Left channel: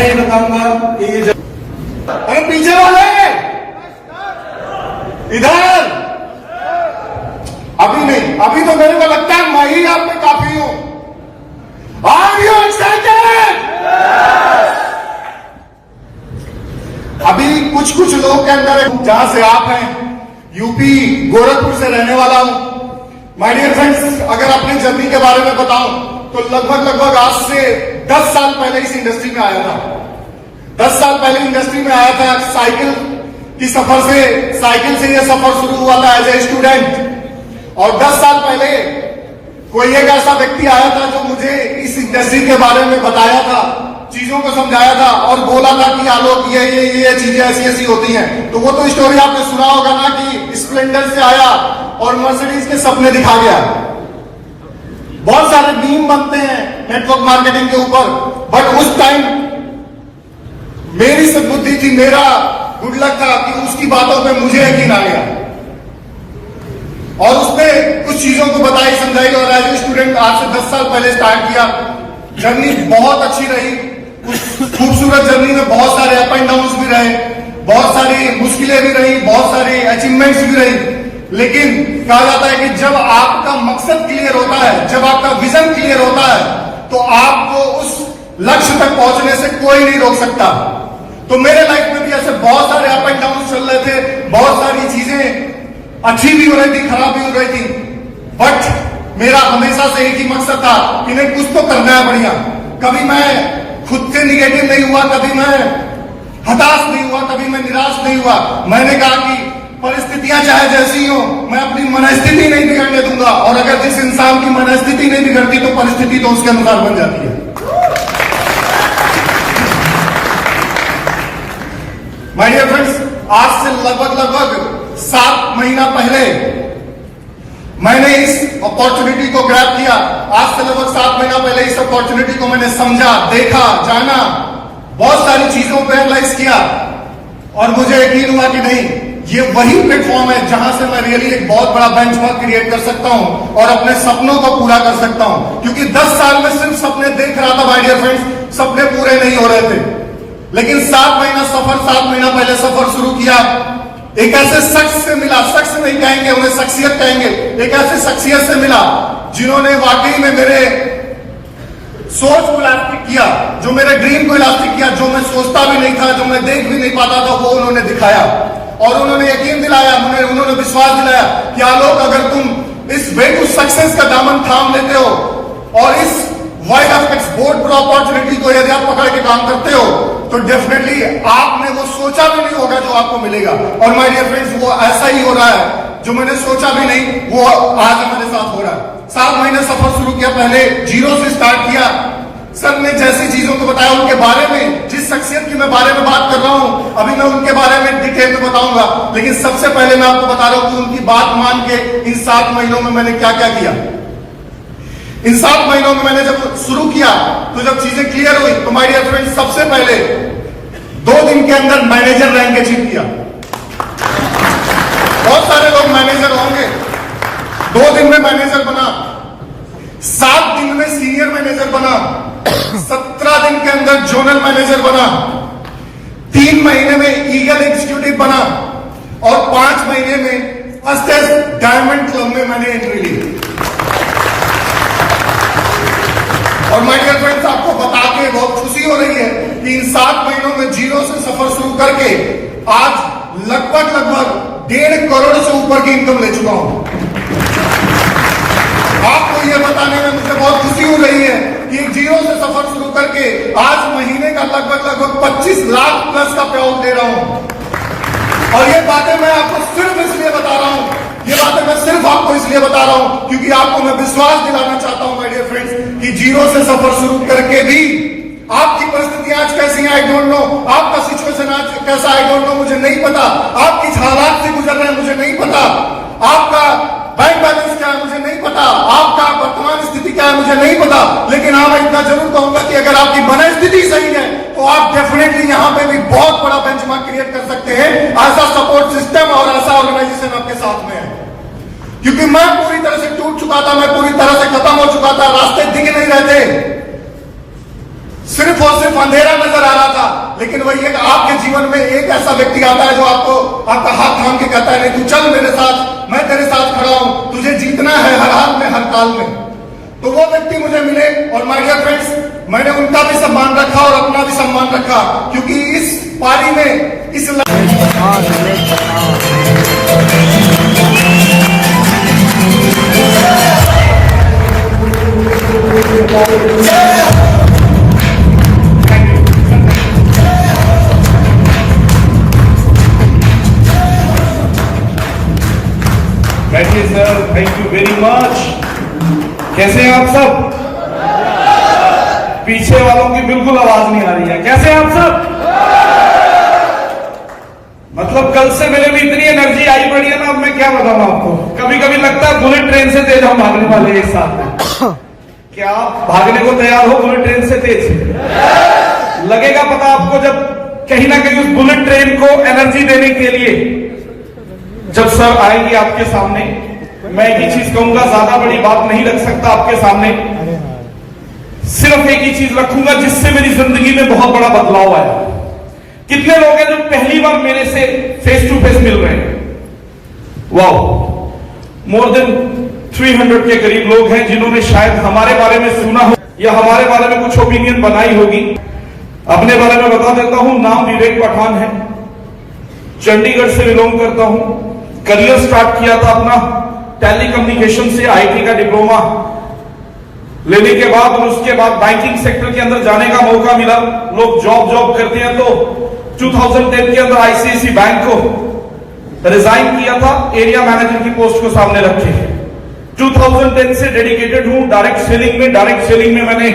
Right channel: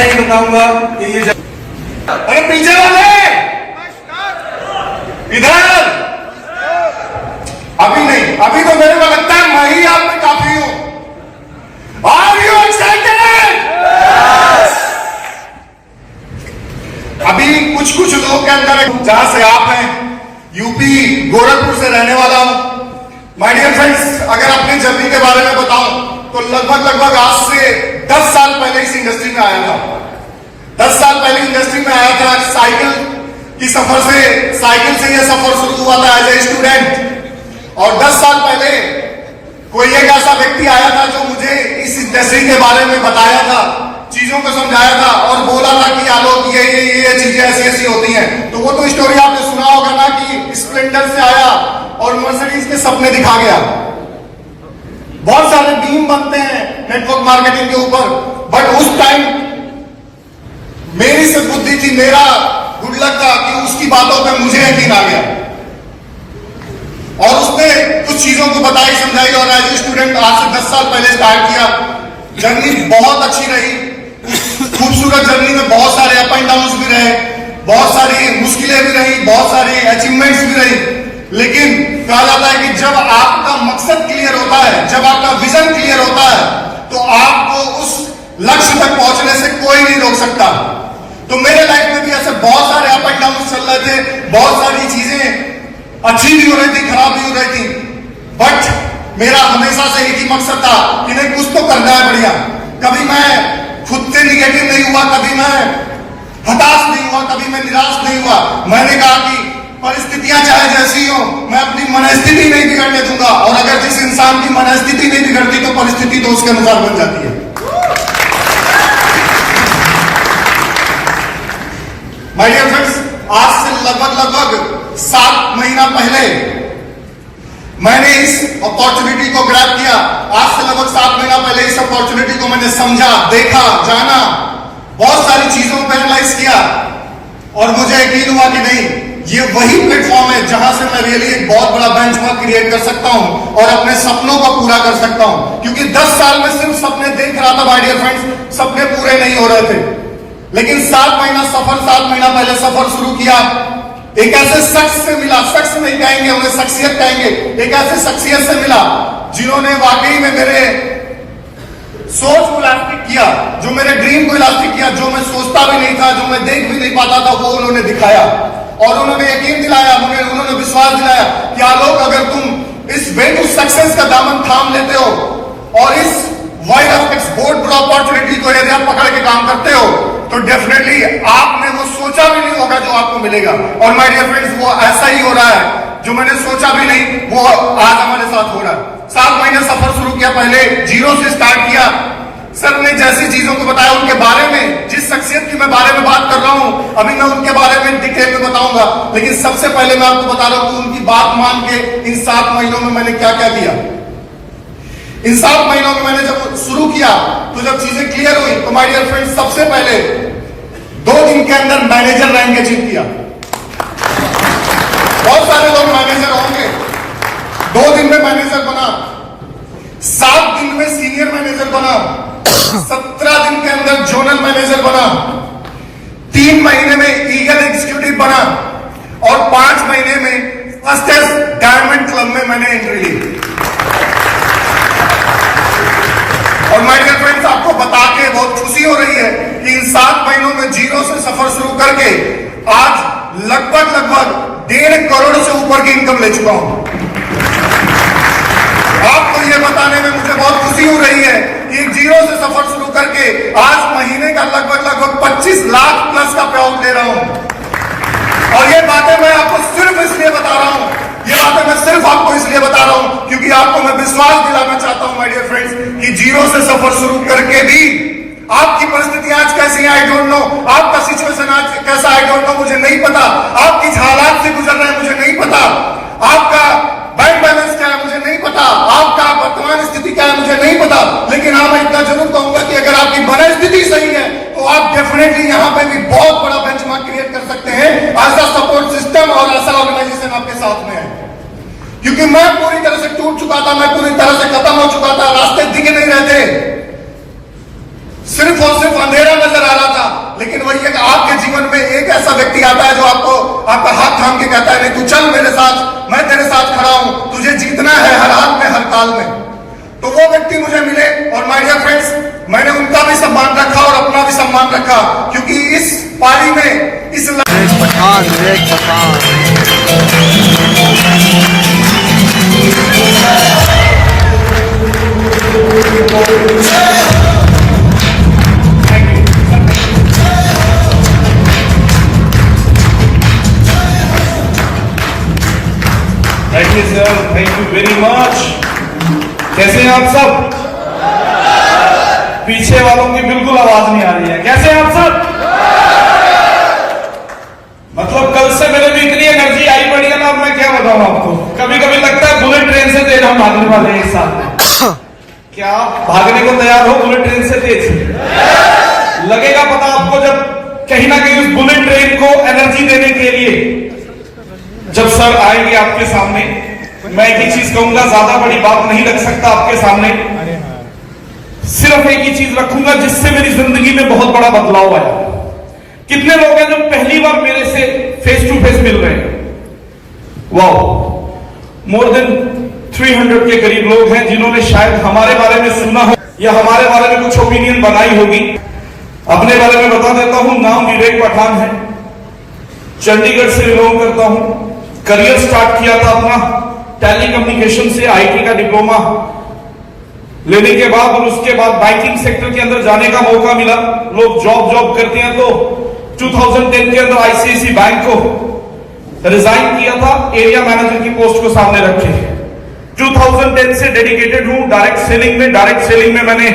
नहीं बताऊंगा कि ये अरे पीछे वाले इधर अभी नहीं, अभी तो मेरे को लगता है मैं ही आप में काफी हूं। Are you excited? अभी कुछ कुछ लोगों के अंदर, जहां से आप हैं, यूपी गोरखपुर से रहने वाला हूं। माय डियर फ्रेंड्स, अगर अपनी जर्नी के बारे में बताऊं तो लगभग आज से 10 साल पहले इस इंडस्ट्री में आया था। 10 साल पहले इंडस्ट्री में आया था साइकिल की सफर से, साइकिल से यह सफर शुरू हुआ था एज ए स्टूडेंट। और 10 साल पहले कोई एक ऐसा व्यक्ति आया था जो मुझे इस इंडस्ट्री के बारे में बताया था, चीजों को समझाया था और बोला था कि आलोक ये चीजें ऐसी ऐसी होती हैं। तो वो तो स्टोरी आपने सुना होगा ना कि स्प्लेंडर से आया और मर्सिडीज के सपने दिखा गया। बहुत सारे मीम बनते हैं नेटवर्क मार्केटिंग के ऊपर, बट उस टाइम मेरी सद्बुद्धि थी, मेरा गुड लक था कि उसकी बातों पे मुझे यकीन आ गया और उसने कुछ चीजों को बताई समझाई। और एज ए स्टूडेंट आज से 10 साल पहले स्टार्ट किया। जर्नी बहुत अच्छी रही। उस खूबसूरत जर्नी में बहुत सारे अप एंड डाउन भी रहे, बहुत सारी मुश्किलें भी रही, बहुत सारी अचीवमेंट्स भी रही। लेकिन कहा जाता है कि जब आपका मकसद क्लियर होता है, जब आपका विजन क्लियर होता है, तो आपको उस लक्ष्य तक पहुंचने से कोई नहीं रोक सकता। तो मेरे लाइफ में भी ऐसे बहुत सारे अप एंड डाउन चल रहे थे, बहुत सारी चीजें अच्छी भी हो रही थी, खराब भी हो रही थी, बट मेरा हमेशा से एक ही मकसद था कि नहीं, कुछ तो करना है बढ़िया। कभी मैं खुद से निगेटिव नहीं हुआ, कभी मैं हताश नहीं हुआ, कभी मैं निराश नहीं हुआ। मैंने कहा कि परिस्थितियां चाहे जैसी हो, मैं अपनी मनस्थिति नहीं बिगड़ने दूंगा। और अगर जिस इंसान की मनस्थिति नहीं बिगड़ती तो परिस्थिति तो उसके अनुसार बन जाती है। माय डियर फ्रेंड्स, आज से लगभग 7 महीना पहले मैंने इस अपॉर्चुनिटी को ग्रैब किया। आज से लगभग 7 महीना पहले इस अपॉर्चुनिटी को मैंने समझा, देखा, जाना, बहुत सारी चीजों को एनालाइज किया और मुझे यकीन हुआ कि नहीं, ये वही प्लेटफॉर्म है जहां से मैं रियली एक बहुत बड़ा बेंचमार्क क्रिएट कर सकता हूं और अपने सपनों को पूरा कर सकता हूं। क्योंकि 10 साल में सिर्फ सपने देख रहा था माय डियर फ्रेंड्स, सपने पूरे नहीं हो रहे थे। लेकिन 7 महीना पहले सफर शुरू किया। एक ऐसे शख्स से मिला, शख्स नहीं कहेंगे उन्हें, शख्सियत कहेंगे। एक ऐसे शख्सियत से मिला जिन्होंने वाकई में मेरे सोच को इलास्टिक किया, जो मेरे ड्रीम को इलास्टिक किया, जो मैं सोचता भी नहीं था, जो मैं देख भी नहीं पाता था, वो उन्होंने दिखाया। और उन्होंने यकीन दिलाया, उन्होंने विश्वास दिलाया कि आलोक, अगर तुम इस वे टू सक्सेस का दामन थाम लेते हो और इस वाइड ऑफ एक्सपोर्ट अपॉर्चुनिटी को यदि आप पकड़ के काम करते हो, तो डेफिनेटली आपने वो सोचा भी नहीं होगा जो आपको मिलेगा। और माय डियर फ्रेंड्स, वो ऐसा ही हो रहा है, जो मैंने सोचा भी नहीं वो आज हमारे साथ हो रहा है। 7 महीने सफर शुरू किया, पहले 0 से स्टार्ट किया। सर ने जैसी चीजों को बताया उनके बारे में, जिस शख्सियत की मैं बारे में बात कर रहा हूं, अभी मैं उनके बारे में डिटेल में बताऊंगा। लेकिन सबसे पहले मैं आपको बता रहा हूं कि उनकी बात मान के इन 7 महीनों में मैंने क्या क्या किया। इन 7 महीनों में मैंने जब शुरू किया तो जब चीजें क्लियर हुई तो माय डियर फ्रेंड्स, सबसे पहले 2 दिन के अंदर मैनेजर रैंक अचीव किया। बहुत सारे लोग मैनेजर होंगे, 2 दिन में मैनेजर बना, 7 दिन में सीनियर मैनेजर बना, 17 दिन के अंदर जोनल मैनेजर बना, 3 महीने में ईगल एग्जीक्यूटिव बना और 5 महीने में फर्स्ट डायमंड क्लब में मैंने एंट्री ली। और माय डियर फ्रेंड्स, आपको बता के बहुत खुशी हो रही है कि इन 7 महीनों में 0 से सफर शुरू करके आज लगभग 1.5 करोड़ से ऊपर की इनकम ले चुका हूं। आपको ये बताने में मुझे बहुत खुशी हो रही है कि 0 से सफर शुरू करके आज महीने का लगभग 25 लाख प्लस का पे आउट दे रहा हूं। और ये बातें मैं आपको सिर्फ इसलिए बता रहा हूं, ये बातें मैं सिर्फ आपको इसलिए बता रहा हूं क्योंकि आपको मैं विश्वास दिलाना चाहता हूं माय डियर फ्रेंड्स कि 0 से सफर शुरू करके भी आपकी परिस्थिति आज कैसी है आई डोंट नो, आपका सिचुएशन आज कैसा आई डोंट नो, मुझे नहीं पता, आप किस हालात से गुजर रहे हैं मुझे नहीं पता, आपका बैंक बैलेंस क्या है मुझे नहीं पता, आपका वर्तमान स्थिति क्या है मुझे नहीं पता। लेकिन हाँ, मैं इतना जरूर कहूंगा कि अगर आपकी मनस्थिति सही है तो आप डेफिनेटली यहां पे भी बहुत बड़ा बेंचमार्क क्रिएट कर सकते हैं। ऐसा सपोर्ट सिस्टम और ऐसा ऑर्गेनाइजेशन आपके साथ में है। क्योंकि मैं पूरी तरह से टूट चुका था, मैं पूरी तरह से खत्म हो चुका था, रास्ते दिख नहीं रहे थे, सिर्फ और सिर्फ अंधेरा नजर आ रहा था। लेकिन वही एक आपके जीवन में एक ऐसा व्यक्ति आता है जो आपको आपका हाथ थाम के कहता है नहीं तू चल मेरे साथ, मैं तेरे साथ खड़ा हूं, तुझे जीतना है हर हाल में हर काल में। तो वो व्यक्ति मुझे मिले और माय डियर फ्रेंड्स, मैंने उनका भी सम्मान रखा और अपना भी सम्मान रखा, क्योंकि इस पारी में इस thank you sir, thank you very much. कैसे हैं आप सब? पीछे वालों की बिल्कुल आवाज नहीं आ रही है। कैसे हैं आप सब? मतलब कल से मेरे में इतनी एनर्जी आई पड़ी है ना, अब मैं क्या बताऊं आपको। कभी कभी लगता है बुलेट ट्रेन से तेज हम भागने वाले हैं एक साथ में। क्या आप भागने को तैयार हो बुलेट ट्रेन से तेज? लगेगा पता आपको जब कहीं ना कहीं उस बुलेट ट्रेन को एनर्जी देने के लिए जब सर आएंगे आपके सामने, मैं एक ही चीज कहूंगा, ज्यादा बड़ी बात नहीं रख सकता आपके सामने, सिर्फ एक ही चीज रखूंगा जिससे मेरी जिंदगी में बहुत बड़ा बदलाव आया। कितने लोग हैं जो पहली बार मेरे से फेस टू फेस मिल रहे हैं? वाओ, मोर देन 300 के करीब लोग हैं जिन्होंने शायद हमारे बारे में सुना हो या हमारे बारे में कुछ ओपिनियन बनाई होगी। अपने बारे में बता देता हूं, नाम विवेक पठान है, चंडीगढ़ से बिलोंग करता हूं। करियर स्टार्ट किया था अपना टेली कम्युनिकेशन से, आईटी का डिप्लोमा लेने के बाद और उसके बाद बैंकिंग सेक्टर के अंदर जाने का मौका मिला। लोग जॉब करते हैं, तो 2010 के अंदर आईसीआईसी बैंक को रिजाइन किया था, एरिया मैनेजर की पोस्ट को सामने रखे। 2010 से डेडिकेटेड हूं डायरेक्ट सेलिंग में। डायरेक्ट सेलिंग में मैंने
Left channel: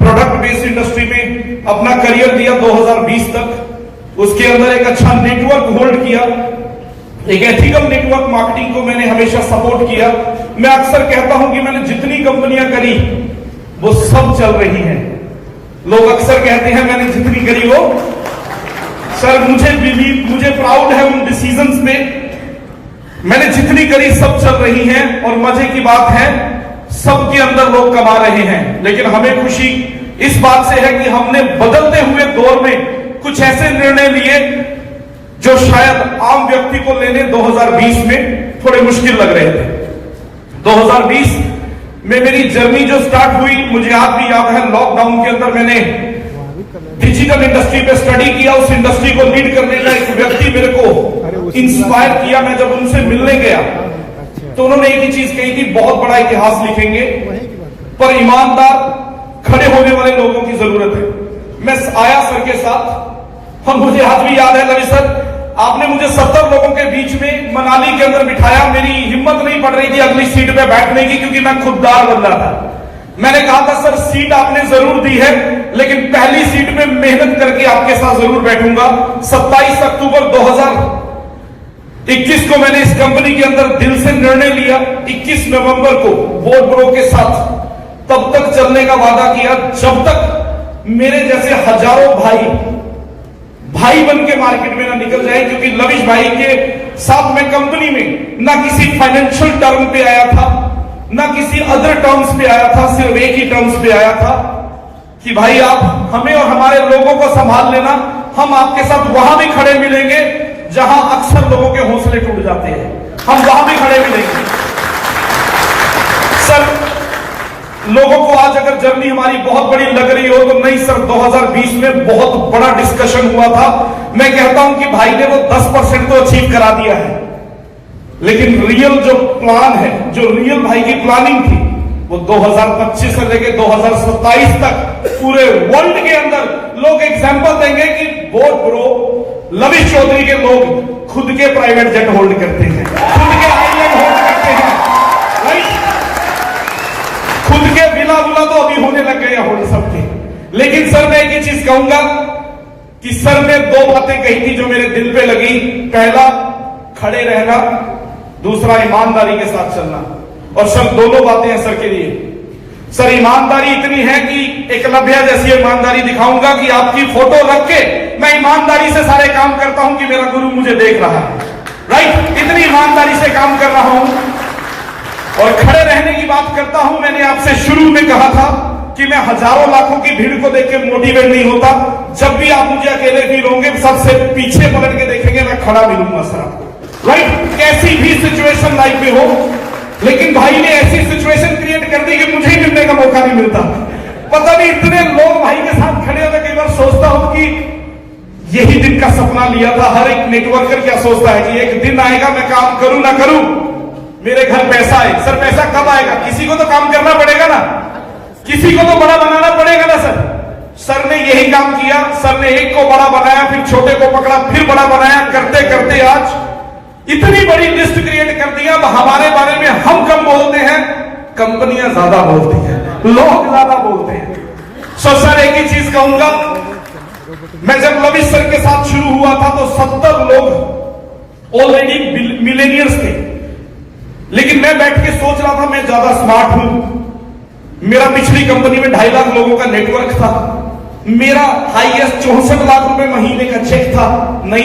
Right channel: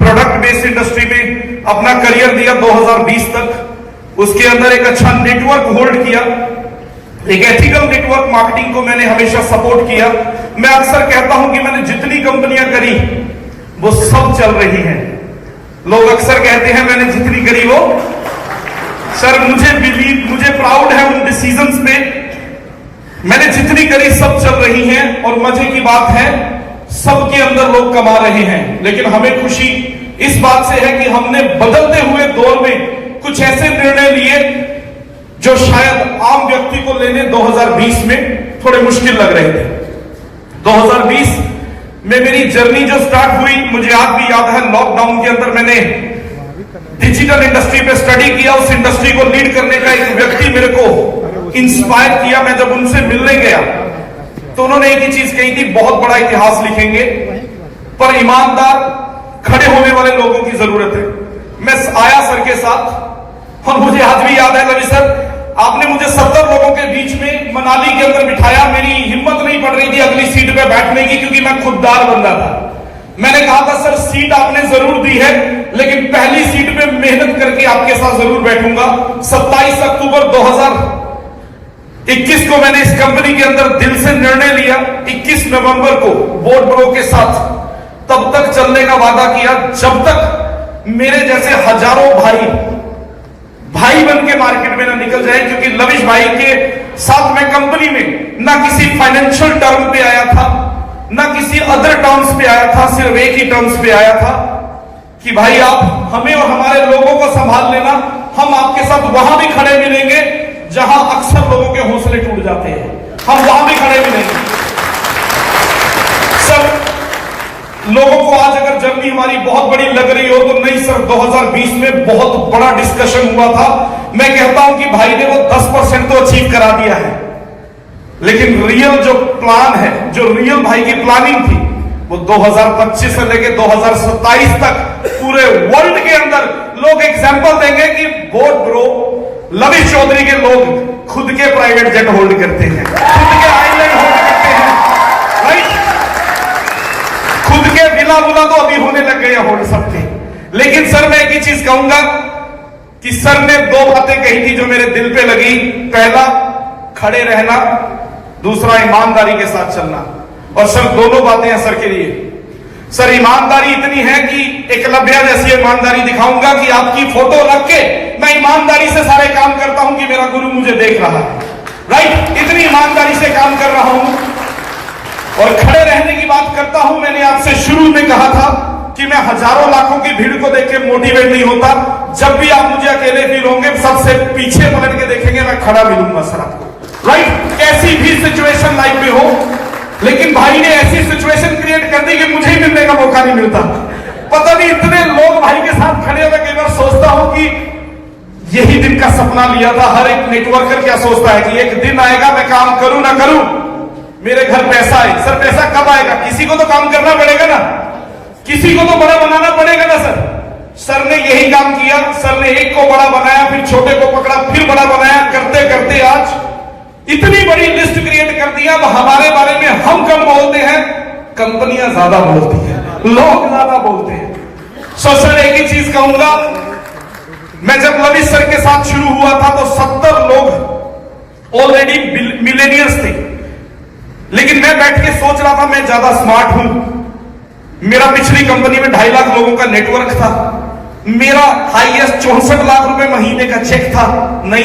प्रोडक्ट बेस्ड इंडस्ट्री में अपना करियर दिया 2020 तक। उसके अंदर एक अच्छा नेटवर्क होल्ड किया, एक एथिकल नेटवर्क मार्केटिंग को मैंने हमेशा सपोर्ट किया। मैं अक्सर कहता हूं कि मैंने जितनी कंपनियां करी वो सब चल रही हैं। लोग अक्सर कहते हैं मैंने जितनी करी वो, सर मुझे प्राउड है उन डिसीजंस में। मैंने जितनी करी सब चल रही हैं और मजे की बात है सबके अंदर लोग कमा रहे हैं। लेकिन हमें खुशी इस बात से है कि हमने बदलते हुए दौर में कुछ ऐसे निर्णय लिए जो शायद आम व्यक्ति को लेने 2020 में थोड़े मुश्किल लग रहे थे। 2020 में मेरी जर्नी जो स्टार्ट हुई, मुझे आज भी याद है, लॉकडाउन के अंदर मैंने डिजिटल इंडस्ट्री पे स्टडी किया। उस इंडस्ट्री को लीड करने का एक व्यक्ति मेरे को इंस्पायर किया। मैं जब उनसे मिलने गया तो उन्होंने एक ही चीज कही थी, बहुत बड़ा इतिहास लिखेंगे पर ईमानदार खड़े होने वाले लोगों की जरूरत है। मैं आया सर के साथ और मुझे आज भी याद है, रवि सर आपने मुझे 70 लोगों के बीच में मनाली के अंदर बिठाया। मेरी हिम्मत नहीं पड़ रही थी अगली सीट पे बैठने की, क्योंकि मैं खुददार बंदा था। मैंने कहा था सर सीट आपने जरूर दी है, लेकिन पहली सीट पे मेहनत करके आपके साथ जरूर बैठूंगा। 27 अक्टूबर 2021 को मैंने इस कंपनी के अंदर दिल से निर्णय लिया। 21 नवंबर को बोर्ड ब्रो के साथ तब तक चलने का वादा किया जब तक मेरे जैसे हजारों भाई बन के मार्केट में ना निकल जाए। क्योंकि लविश भाई के साथ मैं कंपनी में ना किसी फाइनेंशियल टर्म पे आया था, ना किसी अदर टर्म्स पे आया था, सिर्फ एक ही टर्म्स पे आया था कि भाई आप हमें और हमारे लोगों को संभाल लेना। हम आपके साथ वहां भी खड़े मिलेंगे जहां अक्सर लोगों के हौसले टूट जाते हैं, हम वहां भी खड़े मिलेंगे। सर लोगों को आज अगर जर्नी हमारी बहुत बड़ी लग रही हो तो नहीं सर, 2020 में बहुत बड़ा डिस्कशन हुआ था। मैं कहता हूं कि भाई ने वो 10% तो अचीव करा दिया है, लेकिन रियल जो प्लान है, जो रियल भाई की प्लानिंग थी, वो 2025 से लेकर 2027 तक पूरे वर्ल्ड के अंदर लोग एग्जाम्पल देंगे कि बोर्ड ब्रो लविश चौधरी के लोग खुद के प्राइवेट जेट होल्ड करते हैं, खुद के आईलैंड होल्ड करते हैं, राइट? खुद के बिना तो अभी होने लग गए होल्ड सबके। लेकिन सर मैं एक ही चीज कहूंगा कि सर ने 2 बातें कही थी जो मेरे दिल पे लगी। पहला खड़े रहना, दूसरा ईमानदारी के साथ चलना। और सर दोनों बातें हैं सर के लिए। सर ईमानदारी इतनी है कि एकलव्य जैसी ईमानदारी दिखाऊंगा कि आपकी फोटो रख के मैं ईमानदारी से सारे काम करता हूं कि मेरा गुरु मुझे देख रहा है, राइट? इतनी ईमानदारी से काम कर रहा हूं। और खड़े रहने की बात करता हूं, मैंने आपसे शुरू में कहा था कि मैं हजारों लाखों की भीड़ को देख के मोटिवेट नहीं होता। जब भी आप मुझे अकेले फील होंगे, सबसे पीछे पलट के देखेंगे, मैं खड़ा मिलूंगा सर आपको। राइट, कैसी भी सिचुएशन लाइफ में हो, लेकिन भाई ने ऐसी सिचुएशन क्रिएट कर दी कि मुझे ही मिलने का मौका नहीं मिलता। पता नहीं इतने लोग भाई के साथ खड़े होकर कई बार सोचता हूं कि यही दिन का सपना लिया था। हर एक नेटवर्कर क्या सोचता है कि एक दिन आएगा, मैं काम करूं ना करूं, मेरे घर पैसा आए। सर पैसा कब आएगा? किसी को तो काम करना पड़ेगा ना, किसी को तो बड़ा बनाना पड़ेगा ना सर। सर ने यही काम किया, सर ने एक को बड़ा बनाया, फिर छोटे को पकड़ा, फिर बड़ा बनाया, करते करते आज इतनी बड़ी लिस्ट क्रिएट कर दिया। अब हमारे बारे में हम कम बोलते हैं, कंपनियां ज्यादा बोलती हैं, लोग ज्यादा बोलते हैं। सो सर एक ही चीज कहूंगा, मैं जब लविश सर के साथ शुरू हुआ था तो 70 लोग ऑलरेडी मिलेनियर्स थे, लेकिन मैं बैठ के सोच रहा था मैं ज्यादा स्मार्ट हूं। मेरा पिछली कंपनी में 2.5 लाख लोगों का नेटवर्क था, मेरा हाईएस्ट 64 लाख रुपए महीने का चेक था। नहीं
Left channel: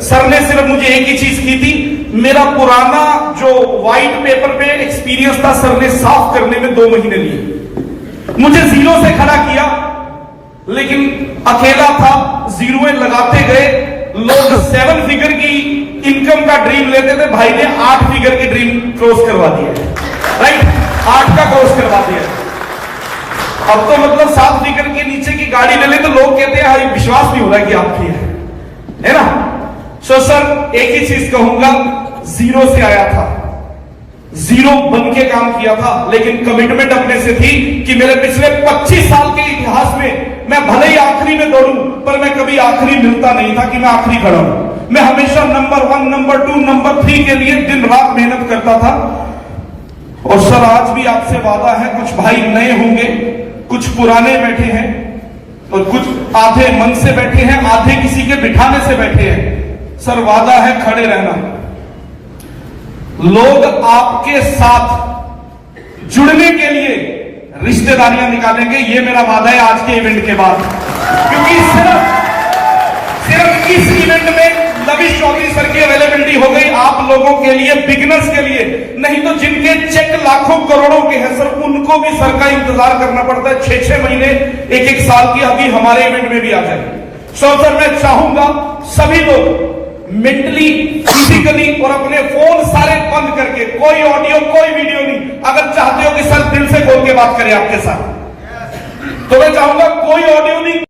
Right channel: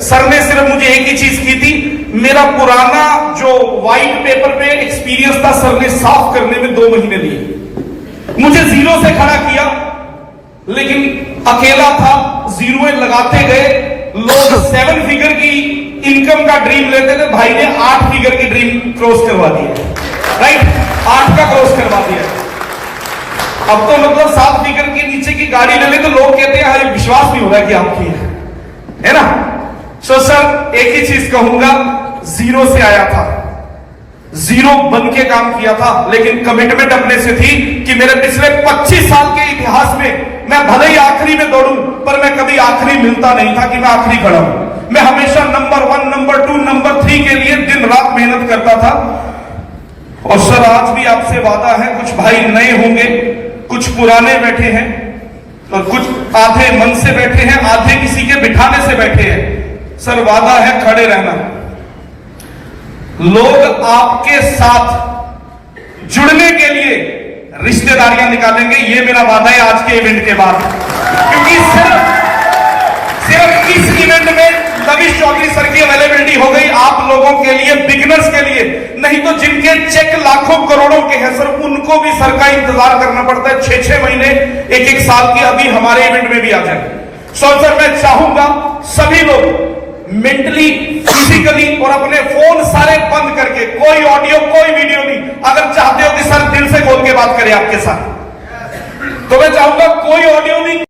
सर ने सिर्फ मुझे एक ही चीज की थी, मेरा पुराना जो व्हाइट पेपर पे एक्सपीरियंस था, सर ने साफ करने में 2 महीने लिए। मुझे जीरो से खड़ा किया, लेकिन अकेला था, जीरो लगाते गए। लोग 7 फिगर की इनकम का ड्रीम लेते थे, भाई ने 8 फिगर की ड्रीम क्रॉस करवा दी। राइट, 8 का क्रॉस करवा दिया। अब तो मतलब 7 फिगर के नीचे की गाड़ी ले ले तो लोग कहते हैं यार विश्वास नहीं हो रहा कि आपकी है ना। सो सर एक ही चीज कहूंगा, जीरो से आया था, जीरो बन के काम किया था, लेकिन कमिटमेंट अपने से थी कि मेरे पिछले 25 साल के इतिहास में मैं भले ही आखिरी में दौड़ूं, पर मैं कभी आखिरी मिलता नहीं था कि मैं आखिरी खड़ा हूं। मैं हमेशा नंबर 1, नंबर 2, नंबर 3 के लिए दिन रात मेहनत करता था। और सर आज भी आपसे वादा है, कुछ भाई नए होंगे, कुछ पुराने बैठे हैं, और कुछ आधे मन से बैठे हैं, आधे किसी के बिठाने से बैठे हैं। सर वादा है खड़े रहना, लोग आपके साथ जुड़ने के लिए रिश्तेदारियां निकालेंगे, ये मेरा वादा है आज के इवेंट के बाद। क्योंकि सिर्फ इस इवेंट में लविश चौधरी सर की अवेलेबिलिटी हो गई आप लोगों के लिए, बिगिनर्स के लिए। नहीं तो जिनके चेक लाखों करोड़ों के हैं सर, उनको भी सर का इंतजार करना पड़ता है 6-6 महीने, 1-1 साल की। अभी हमारे इवेंट में भी आ जाए। सर मैं चाहूंगा सभी लोग मेंटली, फिजिकली और अपने फोन सारे बंद करके, कोई ऑडियो कोई वीडियो नहीं, अगर चाहते हो कि सर दिल से खोल के बात करें आपके साथ, तो मैं चाहूंगा कोई ऑडियो नहीं।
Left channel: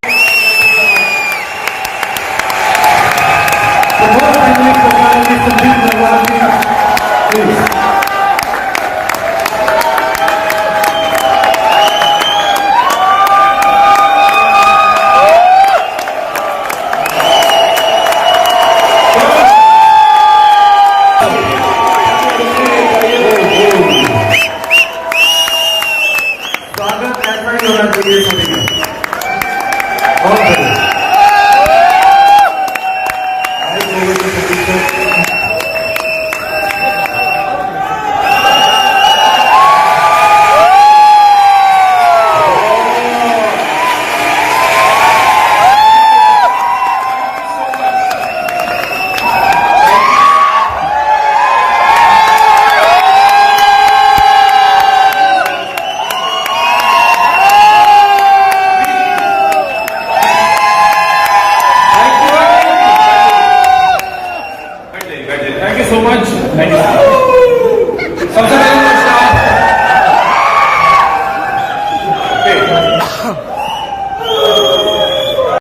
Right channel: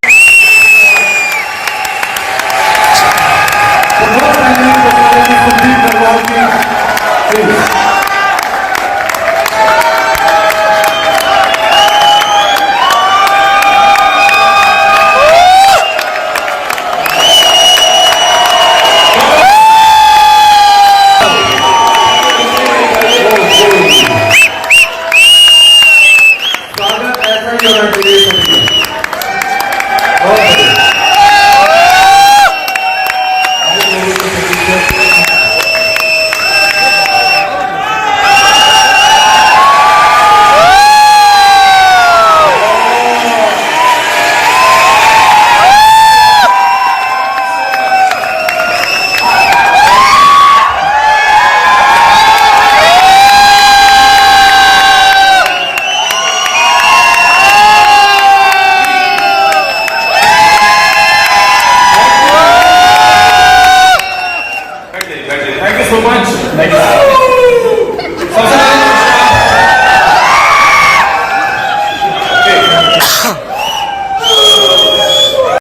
Thank you so much.